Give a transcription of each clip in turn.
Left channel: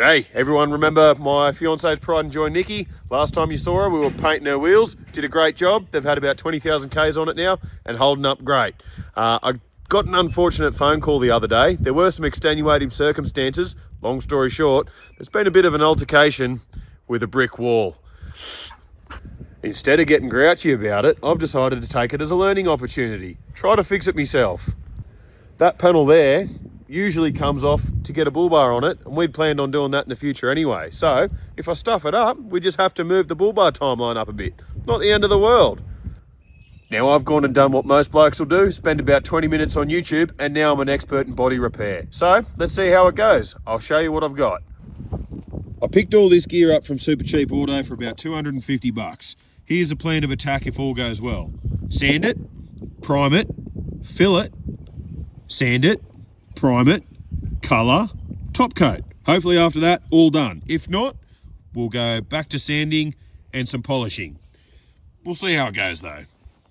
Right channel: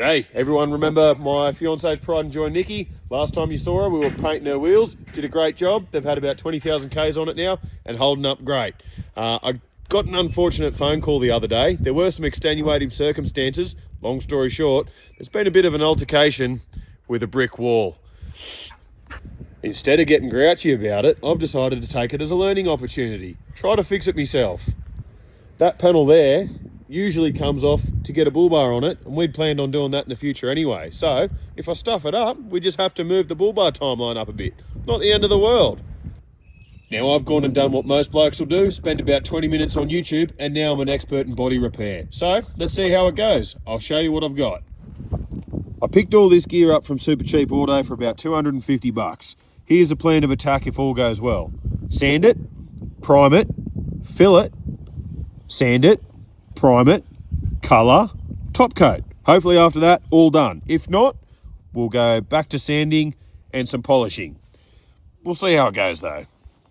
G'day, everyone. Remember my fiance's pride and joy, Nikki? Last time you saw her, we were painting her wheels. Did a great job. They've had about 20,000 Ks on it now and holding up great. I got an unfortunate phone call the other day. There were some extenuating circumstances. Long story short, there's been a bit of an altercation with a brick wall. Instead of getting grouchy about it, I've decided to take it as a learning opportunity. Try to fix it myself. That panel there usually comes off to get a bull bar on it, and we'd planned on doing that in the future anyway. So if I stuff it up, we just have to move the bull bar timeline up a bit. Not the end of the world. Now I've gone and done what most blokes will do, spend about 20 minutes on YouTube, and now I'm an expert in body repair. So let's see how it goes. I'll show you what I've got. I picked all this gear up from Super Cheap Auto for about 250 bucks. Here's a plan of attack if all goes well. Sand it, prime it, fill it, sand it, prime it, colour, top coat. Hopefully after that, all done. If not, we'll go back to sanding and some polishing. We'll see how it goes though.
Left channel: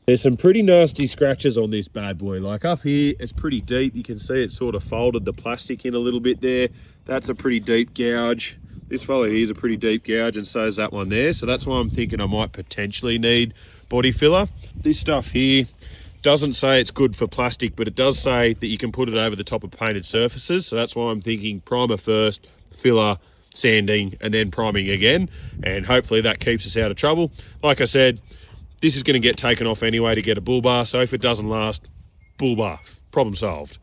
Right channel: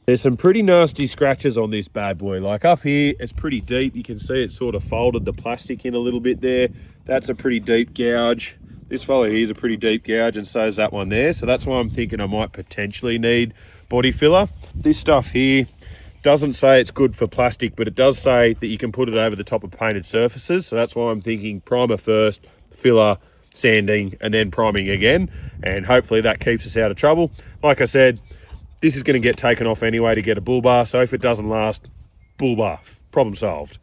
There's some pretty nasty scratches on this bad boy. Like up here, it's pretty deep. You can see it sort of folded the plastic in a little bit there. That's a pretty deep gouge. This fellow here's a pretty deep gouge, and so is that one there. So that's why I'm thinking I might potentially need body filler. This stuff here doesn't say it's good for plastic, but it does say that you can put it over the top of painted surfaces. So that's why I'm thinking primer first, filler, sanding, and then priming again. And hopefully that keeps us out of trouble. Like I said, this is going to get taken off anyway to get a bull bar. So if it doesn't last, bull bar, problem solved.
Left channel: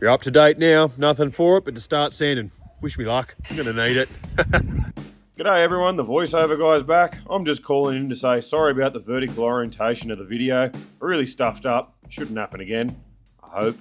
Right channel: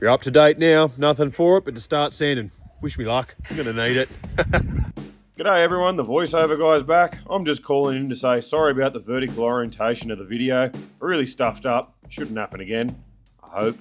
You're up to date now, nothing for it but to start sanding. Wish me luck, I'm going to need it. G'day everyone, the voiceover guy's back. I'm just calling in to say sorry about the vertical orientation of the video. I really stuffed up. Shouldn't happen again, I hope.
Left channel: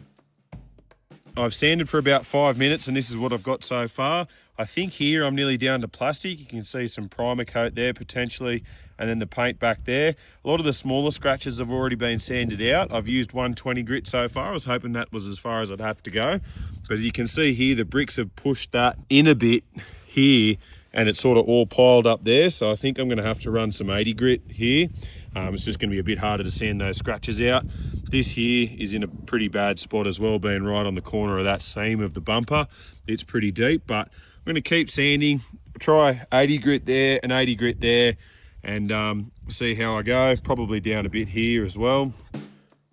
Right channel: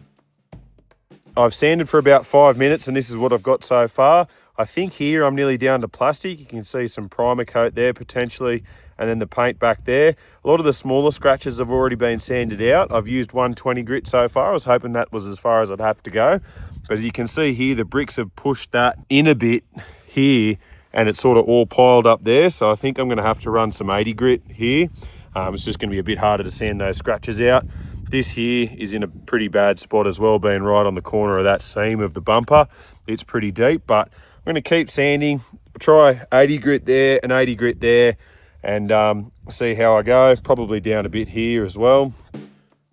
I've sanded for about 5 minutes and this is what I've got so far. I think here I'm nearly down to plastic. You can see some primer coat there potentially, and then the paint back there. A lot of the smaller scratches have already been sanded out. I've used 120 grit so far. I was hoping that was as far as I'd have to go. But as you can see here, the bricks have pushed that in a bit here, and it's sort of all piled up there. So I think I'm going to have to run some 80 grit here. It's just going to be a bit harder to sand those scratches out. This here is in a pretty bad spot as well, being right on the corner of that seam of the bumper. It's pretty deep, but I'm going to keep sanding. Try 80 grit there and 80 grit there, and see how I go. Probably down a bit here as well.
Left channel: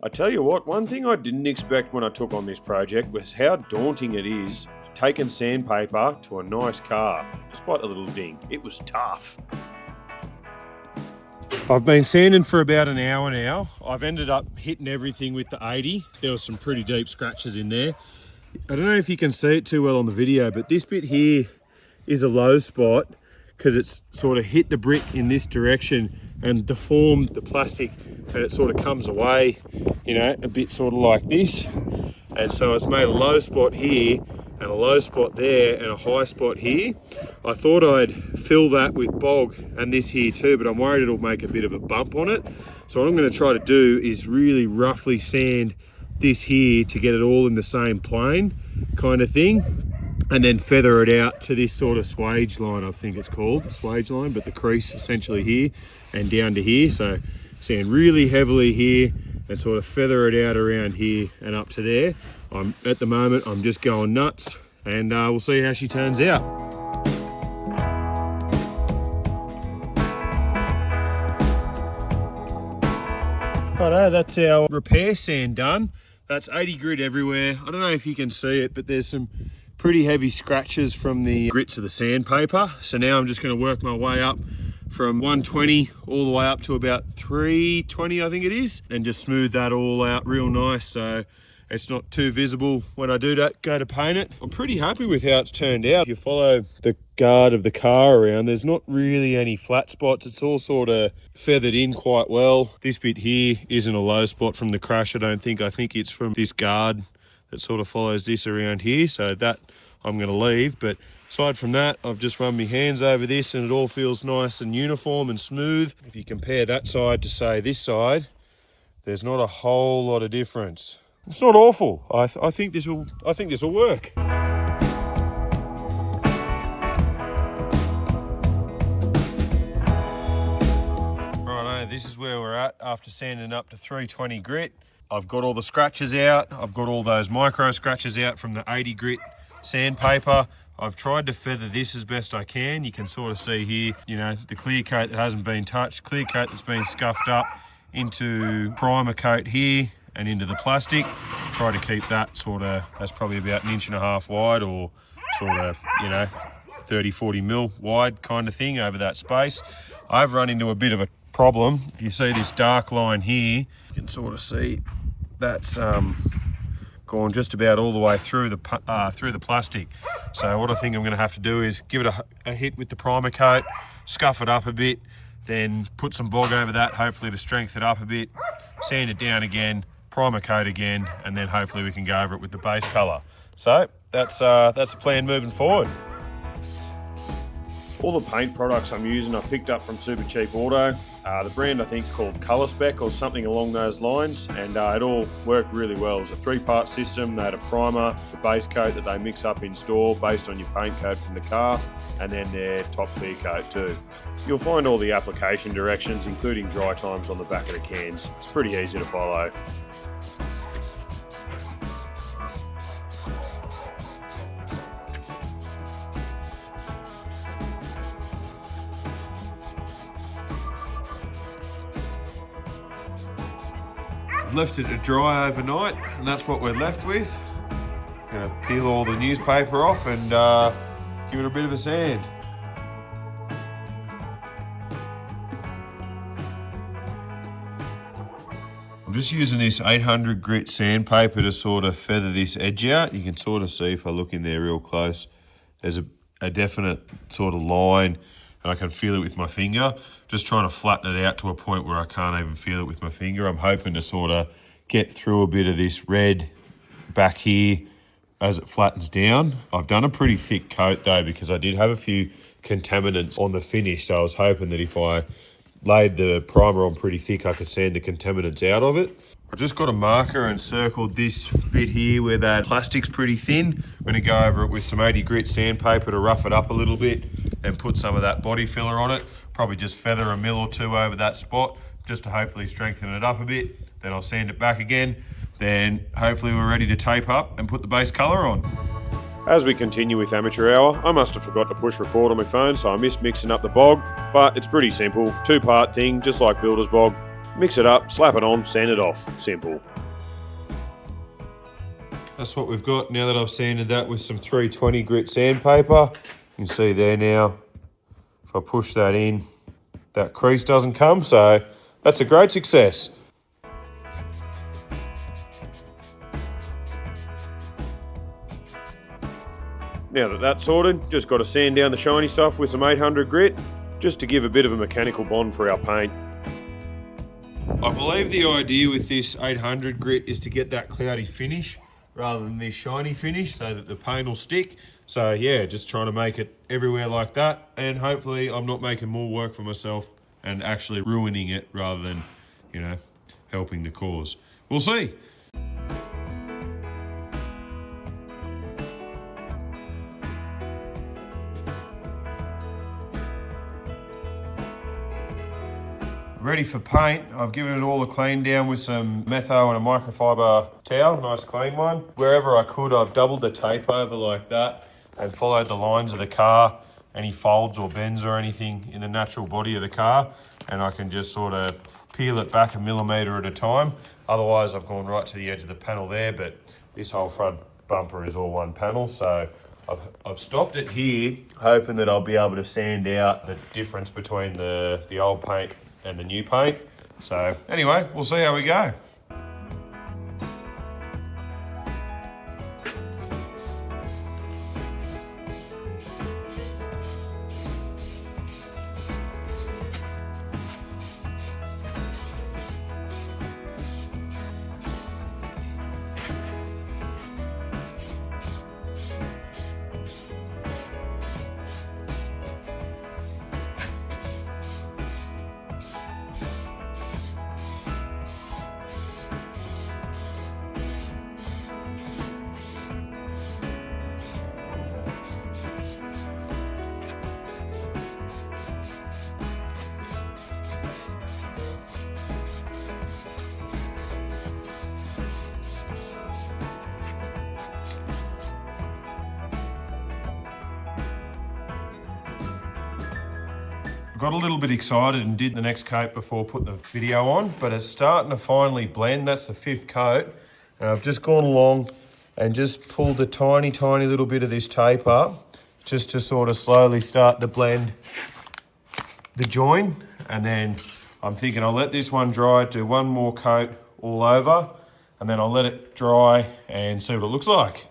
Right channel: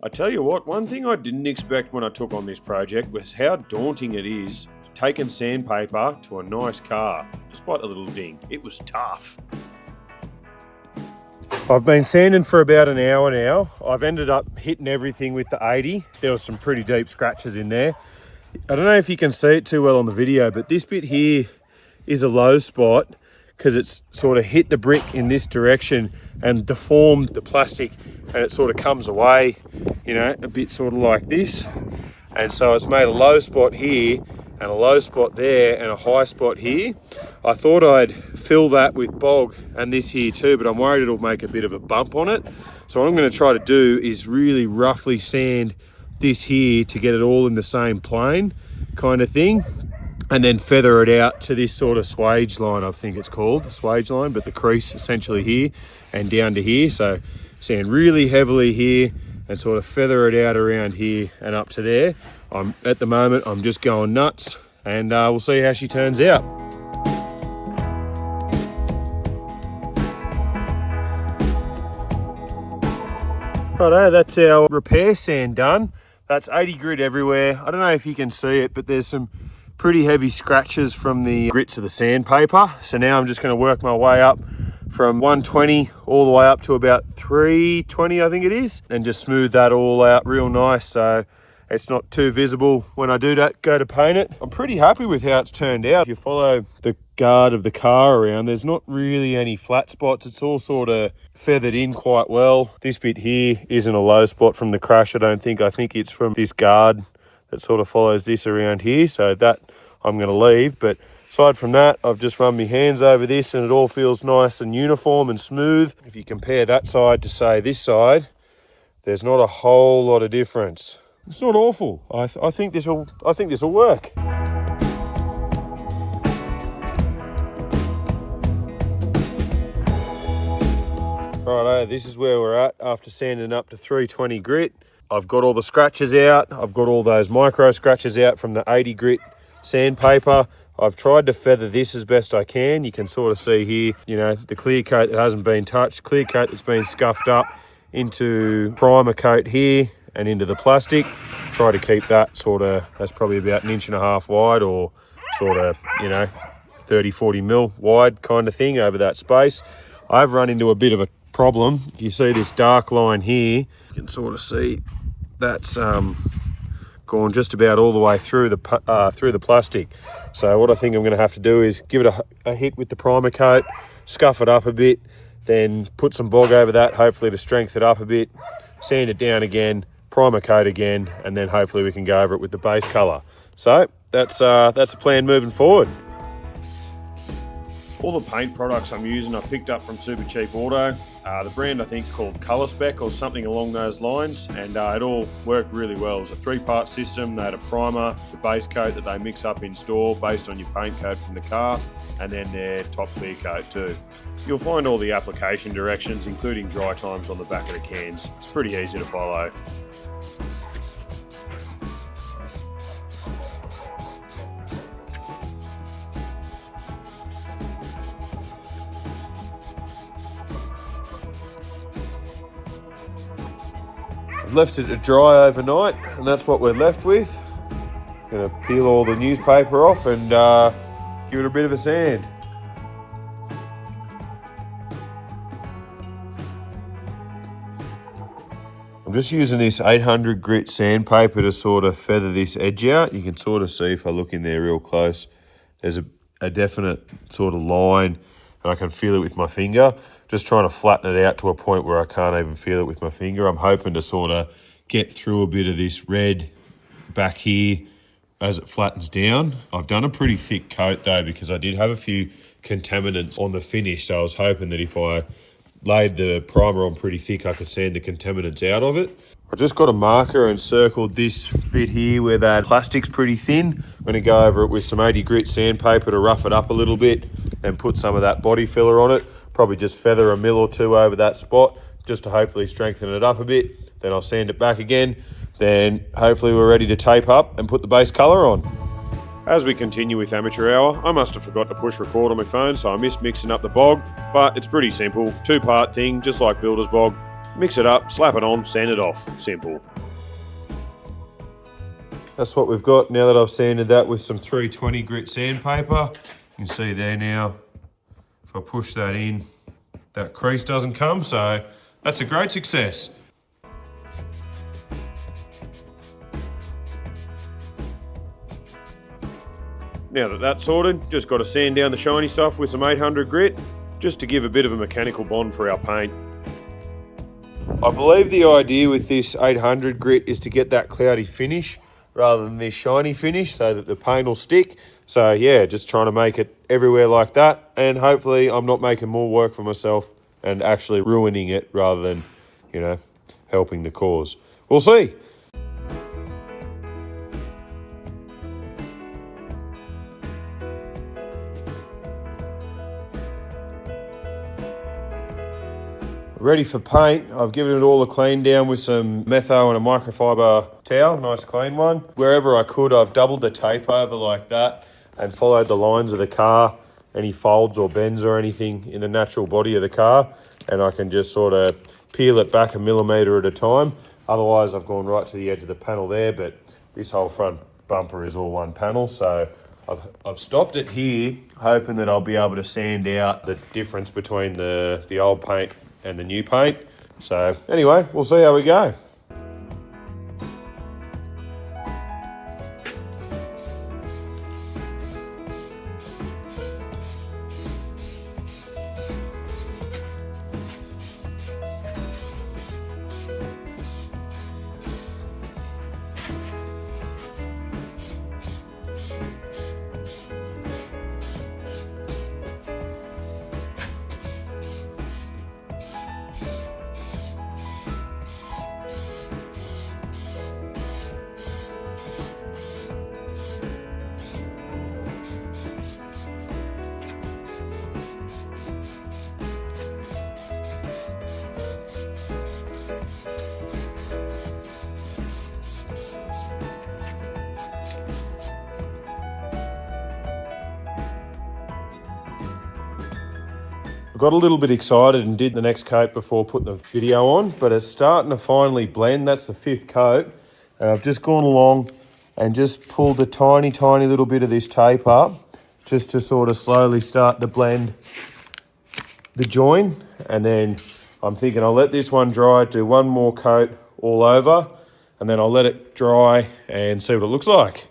I tell you what, one thing I didn't expect when I took on this project was how daunting it is taking sandpaper to a nice car, despite the little ding. It was tough. I've been sanding for about an hour now. I've ended up hitting everything with the 80. There was some pretty deep scratches in there. I don't know if you can see it too well on the video, but this bit here is a low spot because it's sort of hit the brick in this direction and deformed the plastic, and it sort of comes away, you know, a bit sort of like this. And so it's made a low spot here and a low spot there and a high spot here. I thought I'd fill that with bog and this here too, but I'm worried it'll make a bit of a bump on it. So what I'm going to try to do is really roughly sand this here to get it all in the same plane kind of thing, and then feather it out to this sort of swage line, I think it's called, the swage line, but the crease essentially here and down to here. So sand really heavily here and sort of feather it out around here and up to there. At the moment, I'm just going nuts, and we'll see how she turns out. Righto, that's our repair sand done. That's 80 grit everywhere. I don't know if you can see it, but there's some pretty heavy scratches from the grits of the sandpaper. So now I'm just going to work my way up from 120 all the way up to about 320, I think it is, and just smooth that all out real nice so it's not too visible when I do that, go to paint it. I'm pretty happy with how it's turned out. If you follow the guard of the car around, there's not really any flat spots. It's all sort of feathered in quite well. This bit here isn't a low spot from the crash, I don't think. I think it's from this guard that sort of follows this around here. So that I'm going to leave. But aside from that, I've just run my hands over this and it all feels nice and uniform and smooth. If you compare that side to, say, this side, there's not a whole lot of difference. It's not awful. I think this will work. Righto, this is where we're at after sanding up to 320 grit. I've got all the scratches out. I've got all those micro scratches out from the 80 grit sandpaper. I've tried to feather this as best I can. You can sort of see here, you know, the clear coat that hasn't been touched, clear coat that's been scuffed up into primer coat here and into the plastic. Try to keep that sort of, that's probably about 1.5 inches wide, or sort of, you know, 30-40 mil wide kind of thing over that space. I've run into a bit of a problem. If you see this dark line here, you can sort of see that's gone just about all the way through the plastic. So what I think I'm going to have to do is give it a hit with the primer coat, scuff it up a bit, then put some bog over that, hopefully to strengthen it up a bit, sand it down again, primer coat again, and then hopefully we can go over it with the base colour. So that's the plan moving forward. All the paint products I'm using I picked up from Super Cheap Auto. The brand I think is called Colour Spec or something along those lines, and it all worked really well. It was a 3-part system. They had a primer, the base coat that they mix up in store based on your paint coat from the car, and then their top clear coat too. You'll find all the application directions, including dry times, on the back of the cans. It's pretty easy to follow. Left it to dry overnight, and that's what we're left with. Gonna peel all the newspaper off and give it a bit of a sand. I'm just using this 800 grit sandpaper to sort of feather this edge out. You can sort of see if I look in there real close, there's a definite sort of line, and I can feel it with my finger. Just trying to flatten it out to a point where I can't even feel it with my finger. I'm hoping to sort of get through a bit of this red back here as it flattens down. I've done a pretty thick coat though, because I did have a few contaminants on the finish, so I was hoping that if I laid the primer on pretty thick, I could sand the contaminants out of it. I just got a marker and circled this bit here where that plastic's pretty thin. I'm going to go over it with some 80 grit sandpaper to rough it up a little bit and put some of that body filler on it. Probably just feather a mil or two over that spot just to hopefully strengthen it up a bit. Then I'll sand it back again. Then hopefully we're ready to tape up and put the base colour on. As we continue with amateur hour, I must have forgot to push record on my phone, so I missed mixing up the bog, but it's pretty simple. 2-part thing, just like builder's bog. Mix it up, slap it on, sand it off. Simple. That's what we've got now that I've sanded that with some 320 grit sandpaper. You can see there now, if I push that in, that crease doesn't come, so that's a great success. Now that that's sorted, just got to sand down the shiny stuff with some 800 grit, just to give a bit of a mechanical bond for our paint. I believe the idea with this 800 grit is to get that cloudy finish rather than this shiny finish, so that the paint will stick. So yeah, just trying to make it everywhere like that, and hopefully I'm not making more work for myself and actually ruining it rather than, you know, helping the cause. We'll see. Ready for paint. I've given it all a clean down with some metho and a microfiber towel, nice clean one. Wherever I could, I've doubled the tape over like that and followed the lines of the car, any folds or bends or anything in the natural body of the car, and I can just sort of peel it back 1 millimetre at a time. Otherwise I've gone right to the edge of the panel there, but this whole front bumper is all one panel, so I've stopped it here, hoping that I'll be able to sand out the difference between the old paint and the new paint. So anyway, we'll see how we go. I got a little bit excited and did the next coat before putting the video on, but it's starting to finally blend. That's the 5th coat. And I've just gone along and just pulled a tiny, tiny little bit of this tape up just to sort of slowly start to blend the join. And then I'm thinking I'll let this one dry, do one more coat all over, and then I'll let it dry and see what it looks like.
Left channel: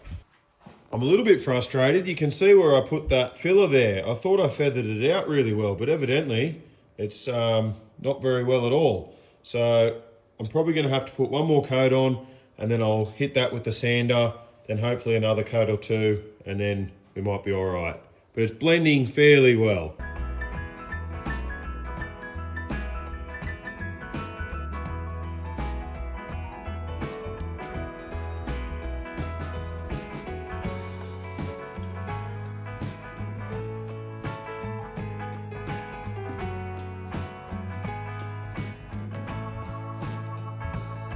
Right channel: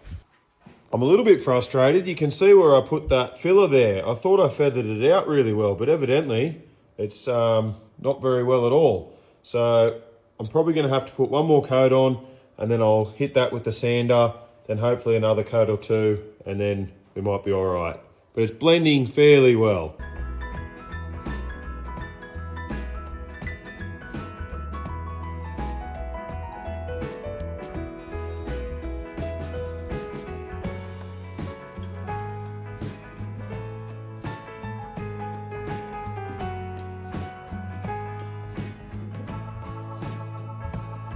I'm a little bit frustrated. You can see where I put that filler there. I thought I feathered it out really well, but evidently it's not very well at all. So I'm probably going to have to put one more coat on, and then I'll hit that with the sander, then hopefully another coat or two, and then we might be all right. But it's blending fairly well.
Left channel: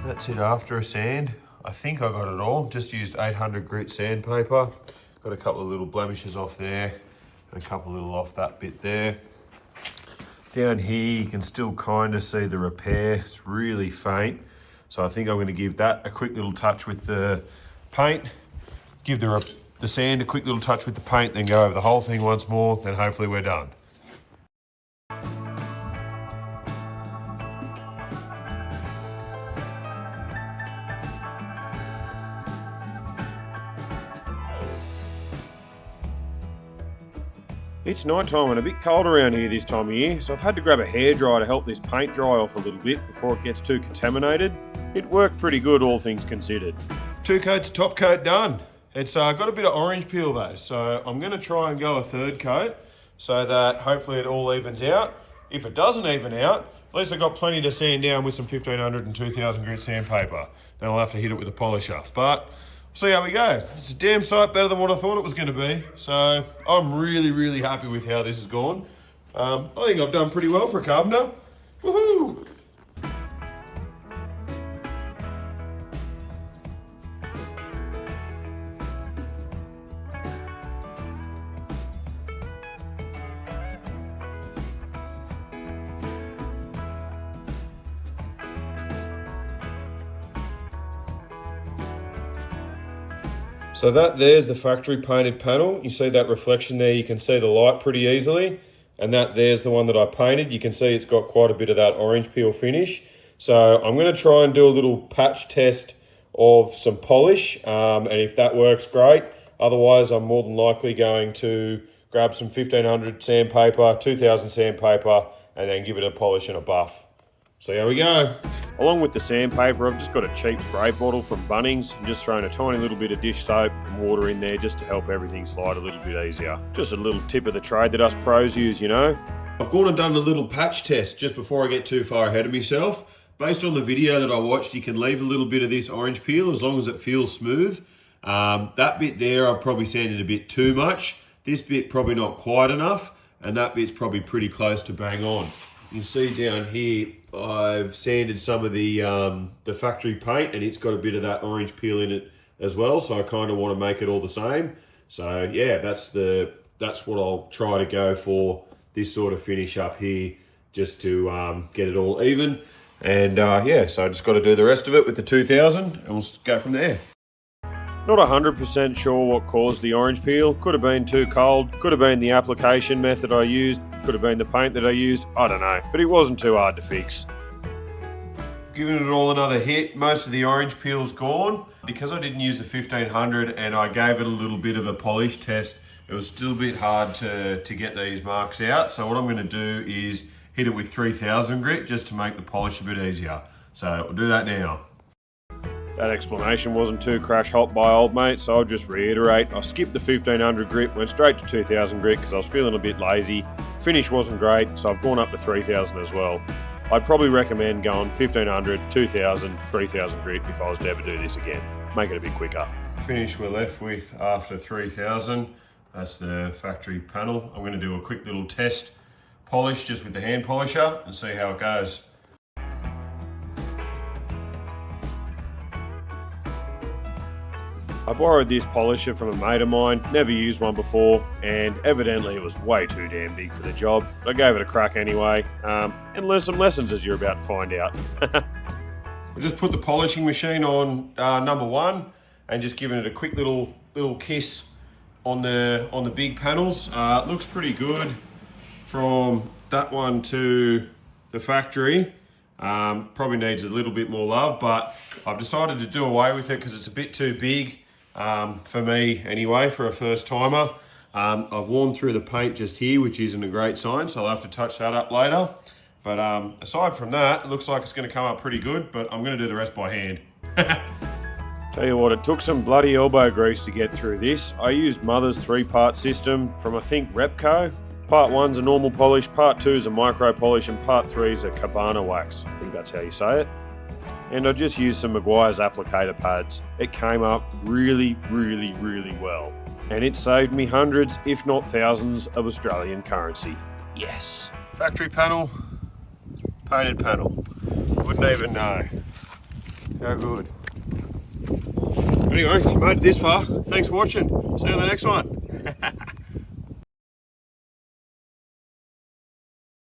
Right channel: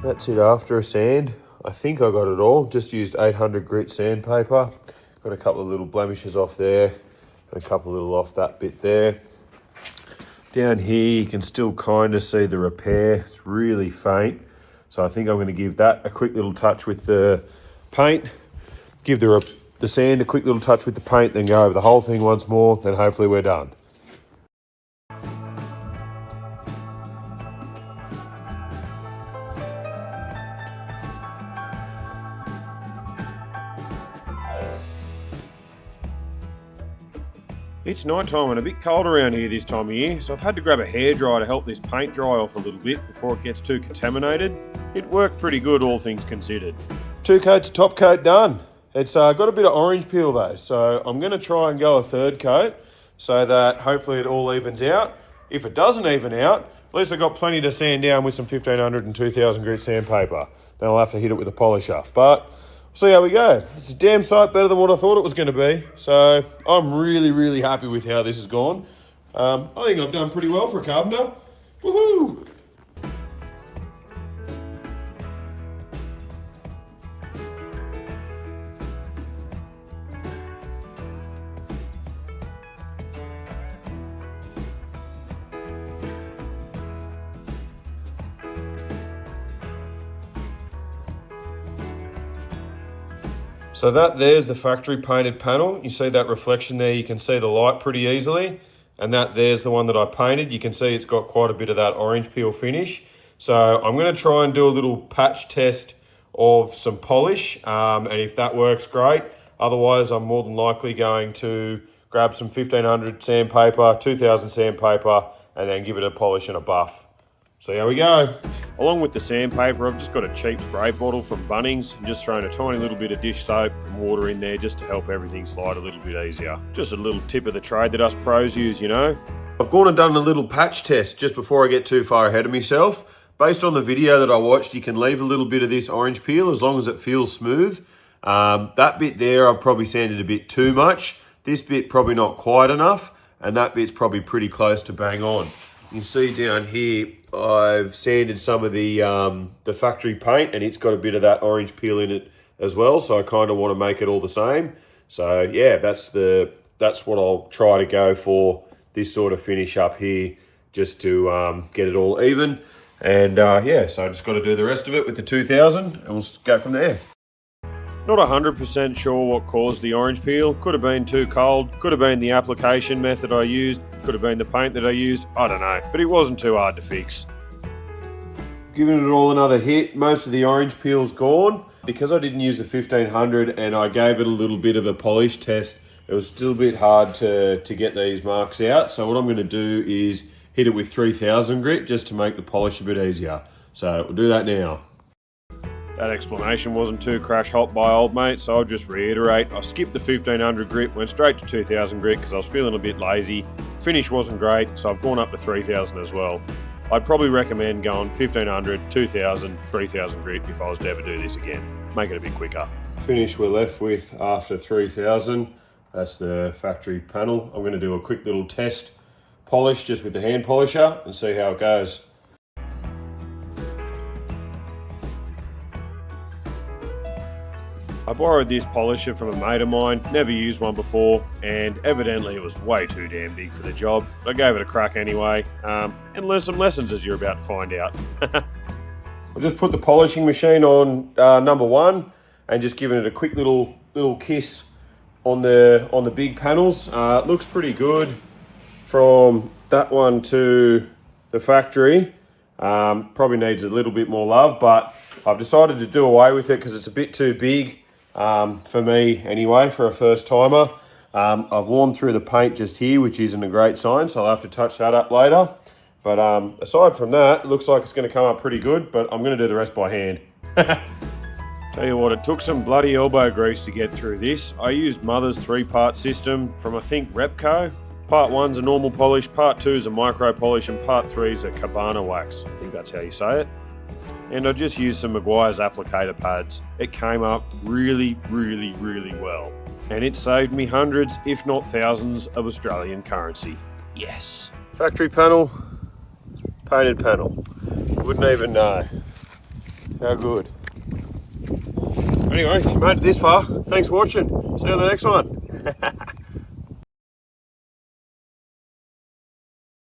That's it after a sand. I think I got it all. Just used 800 grit sandpaper. Got a couple of little blemishes off there, and a couple of little off that bit there. Down here you can still kind of see the repair. It's really faint. So I think I'm going to give that a quick little touch with the paint. Give the sand a quick little touch with the paint, then go over the whole thing once more, then hopefully we're done. It's night time and a bit cold around here this time of year, so I've had to grab a hairdryer to help this paint dry off a little bit before it gets too contaminated. It worked pretty good, all things considered. 2 coats of top coat done. It's got a bit of orange peel though, so I'm going to try and go a 3rd coat so that hopefully it all evens out. If it doesn't even out, at least I've got plenty to sand down with some 1500 and 2000 grit sandpaper. Then I'll have to hit it with a polisher. But see how we go. It's a damn sight better than what I thought it was going to be. So I'm really, really happy with how this has gone. I think I've done pretty well for a carpenter. Woohoo! So that there's the factory painted panel. You see that reflection there, you can see the light pretty easily. And that there's the one that I painted. You can see it's got quite a bit of that orange peel finish. So I'm gonna try and do a little patch test of some polish. And if that works, great. Otherwise, I'm more than likely going to grab some 1500 sandpaper, 2000 sandpaper, and then give it a polish and a buff. So here we go. Along with the sandpaper, I've just got a cheap spray bottle from Bunnings and just thrown a tiny little bit of dish soap and water in there just to help everything slide a little bit easier. Just a little tip of the trade that us pros use, you know. I've gone and done a little patch test just before I get too far ahead of myself. Based on the video that I watched, you can leave a little bit of this orange peel as long as it feels smooth. That bit there, I've probably sanded a bit too much. This bit probably not quite enough, and that bit's probably pretty close to bang on. You can see down here, I've sanded some of the factory paint, and it's got a bit of that orange peel in it as well. So I kind of want to make it all the same. So yeah, that's what I'll try to go for this sort of finish up here, just to get it all even. And yeah, so I just got to do the rest of it with the 2000, and we'll go from there. Not 100% sure what caused the orange peel. Could have been too cold, could have been the application method I used, could have been the paint that I used, I don't know, but it wasn't too hard to fix. Giving it all another hit, most of the orange peel's gone. Because I didn't use the 1500 and I gave it a little bit of a polish test, it was still a bit hard to get these marks out. So what I'm going to do is hit it with 3000 grit just to make the polish a bit easier. So we'll do that now. That explanation wasn't too crash hot by old mate, so I'll just reiterate. I skipped the 1500 grit, went straight to 2000 grit because I was feeling a bit lazy. Finish wasn't great, so I've gone up to 3000 as well. I'd probably recommend going 1500, 2000, 3000 grit if I was to ever do this again. Make it a bit quicker. Finish we're left with after 3000. That's the factory panel. I'm going to do a quick little test polish just with the hand polisher and see how it goes. I borrowed this polisher from a mate of mine, never used one before, and evidently it was way too damn big for the job. I gave it a crack anyway, and learned some lessons as you're about to find out. I'll just put the polishing machine on number 1 and just giving it a quick little kiss on the big panels. It looks pretty good from that one to the factory. Probably needs a little bit more love, but I've decided to do away with it because it's a bit too big for me anyway, for a first timer. I've worn through the paint just here, which isn't a great sign, so I'll have to touch that up later. But aside from that, it looks like it's going to come up pretty good, but I'm going to do the rest by hand. Tell you what, it took some bloody elbow grease to get through this. I used Mother's 3-part system from, I think, Repco. Part 1's a normal polish, Part 2's a micro polish, and Part 3's a cabana wax. I think that's how you say it. And I just used some Meguiar's applicator pads. It came up really, really, really well. And it saved me hundreds, if not thousands, of Australian currency. Yes. Factory panel, painted panel. Wouldn't even know. How good. Anyway, if you made it this far, thanks for watching. See you on the next one.